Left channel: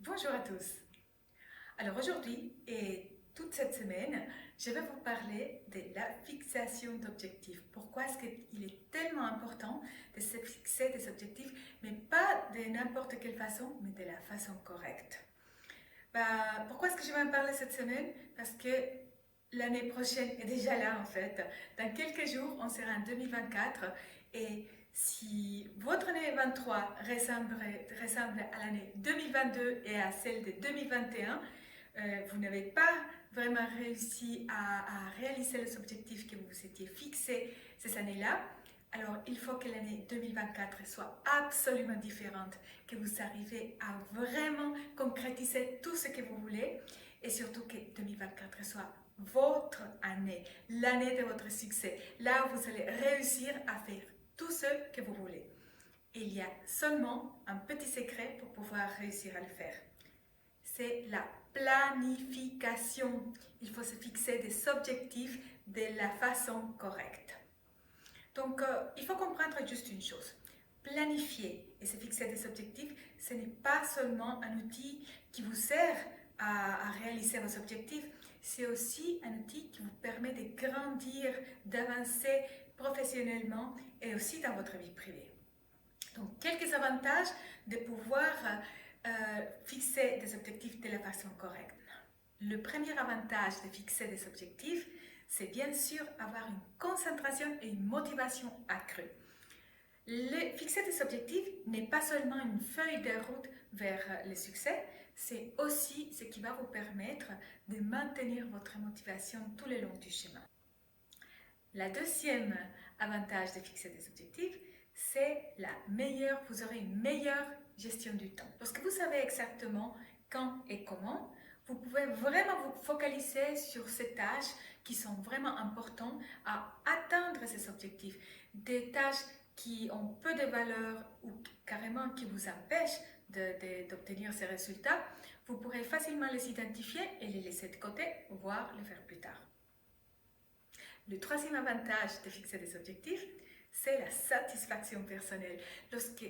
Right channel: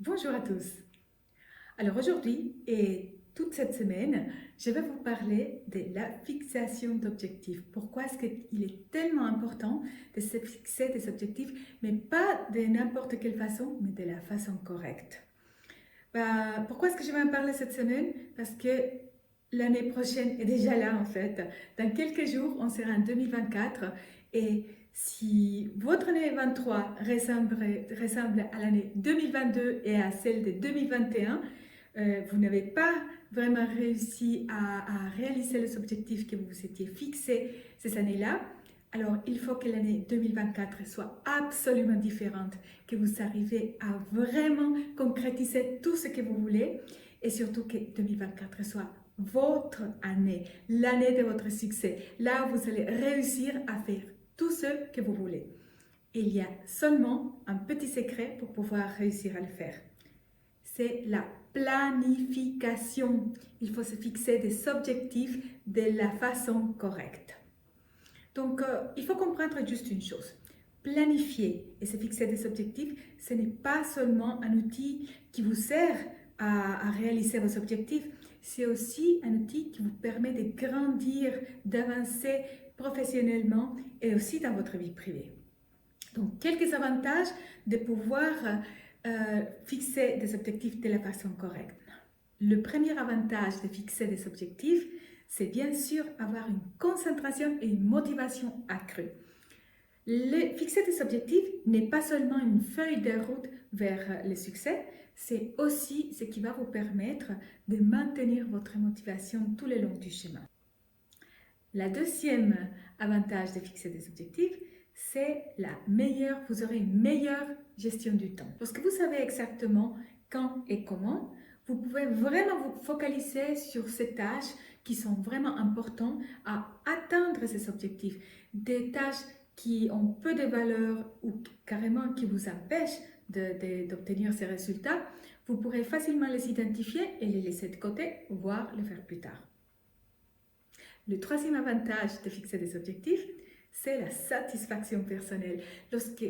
Bonjour à tous. Alors aujourd'hui et toute cette semaine, je vais vous parler de la fixation d'objectifs. Pourquoi est-ce qu'il est tellement important de se fixer des objectifs, mais pas de n'importe quelle façon, mais de la façon correcte. Pourquoi est-ce que je vais en parler cette semaine? Parce que l'année prochaine est déjà là en fait. Dans quelques jours, on sera en 2024 et si votre année 23 ressemble à l'année 2022 et à celle de 2021, vous n'avez pas vraiment réussi à réaliser les objectifs que vous vous étiez fixés ces années-là, alors il faut que l'année 2024 soit absolument différente, que vous arrivez à vraiment concrétiser tout ce que vous voulez et surtout que 2024 soit votre année, l'année de votre succès, là où vous allez réussir à faire tout ce que vous voulez. Il y a seulement un petit secret pour pouvoir réussir à le faire. C'est la planification. Il faut se fixer des objectifs de la façon correcte. Donc, il faut comprendre juste une chose. Planifier et se fixer des objectifs, ce n'est pas seulement un outil qui vous sert à réaliser vos objectifs, c'est aussi un outil qui vous permet de grandir, d'avancer professionnellement et aussi dans votre vie privée. Donc, quelques avantages de pouvoir fixer des objectifs de la façon correcte. Le premier avantage de fixer des objectifs, c'est bien sûr avoir une concentration et une motivation accrue. Fixer des objectifs n'est pas seulement une feuille de route vers le succès, c'est aussi ce qui va vous permettre de maintenir votre motivation tout le long du chemin. La deuxième avantage de fixer des objectifs, c'est vous aurez une meilleure gestion du temps. Parce que vous savez exactement quand et comment, vous pouvez vraiment vous focaliser sur ces tâches qui sont vraiment importantes à atteindre ces objectifs. Des tâches qui ont peu de valeur ou carrément qui vous empêchent d'obtenir ces résultats, vous pourrez facilement les identifier et les laisser de côté, voire les faire plus tard. Le troisième avantage de fixer des objectifs, c'est la satisfaction personnelle. Lorsque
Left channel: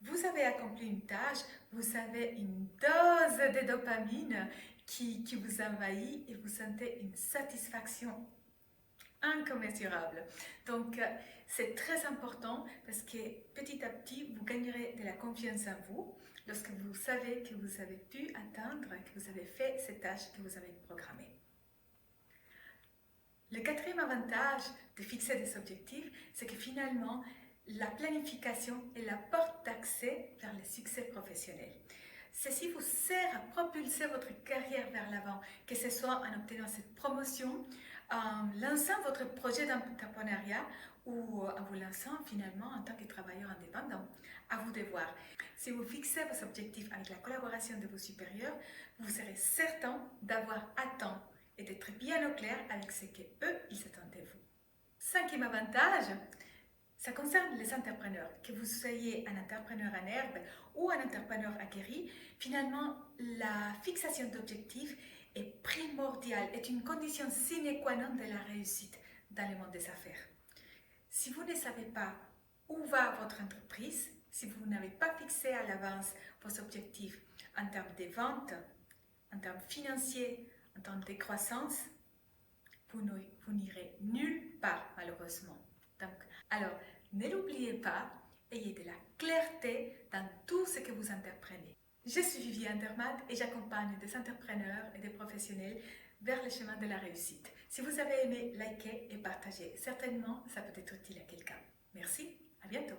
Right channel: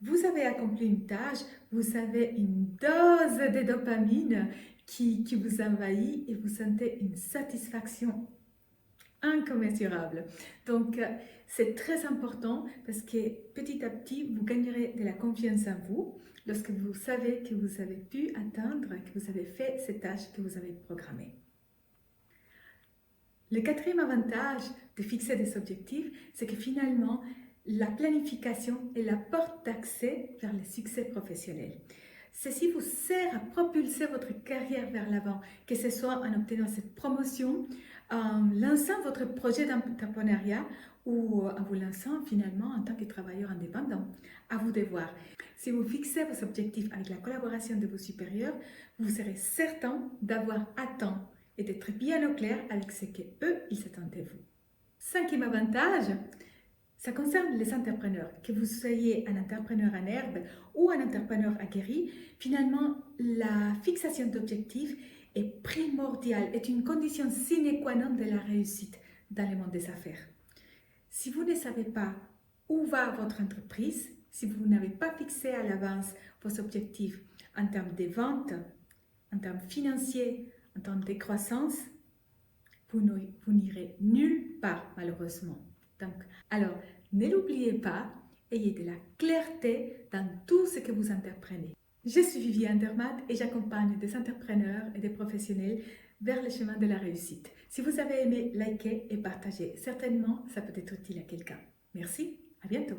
vous avez accompli une tâche, vous avez une dose de dopamine qui vous envahit et vous sentez une satisfaction incommensurable. Donc, c'est très important parce que petit à petit, vous gagnerez de la confiance en vous lorsque vous savez que vous avez pu atteindre, que vous avez fait ces tâches que vous avez programmées. Le quatrième avantage de fixer des objectifs, c'est que finalement, la planification est la porte d'accès vers le succès professionnel. Ceci vous sert à propulser votre carrière vers l'avant, que ce soit en obtenant cette promotion, en lançant votre projet d'entrepreneuriat ou en vous lançant finalement en tant que travailleur indépendant. À vous de voir. Si vous fixez vos objectifs avec la collaboration de vos supérieurs, vous serez certain d'avoir à temps et d'être bien au clair avec ce qu'eux, ils s'attendent de vous. Cinquième avantage, ça concerne les entrepreneurs. Que vous soyez un entrepreneur en herbe ou un entrepreneur aguerri, finalement, la fixation d'objectifs est primordiale, est une condition sine qua non de la réussite dans le monde des affaires. Si vous ne savez pas où va votre entreprise, si vous n'avez pas fixé à l'avance vos objectifs en termes de vente, en termes financiers, en termes de croissance, vous n'irez nulle part malheureusement. Donc, alors, ne l'oubliez pas, ayez de la clarté dans tout ce que vous entreprenez. Je suis Viviane Dermat et j'accompagne des entrepreneurs et des professionnels vers le chemin de la réussite. Si vous avez aimé, likez et partagez. Certainement, ça peut être utile à quelqu'un. Merci, à bientôt.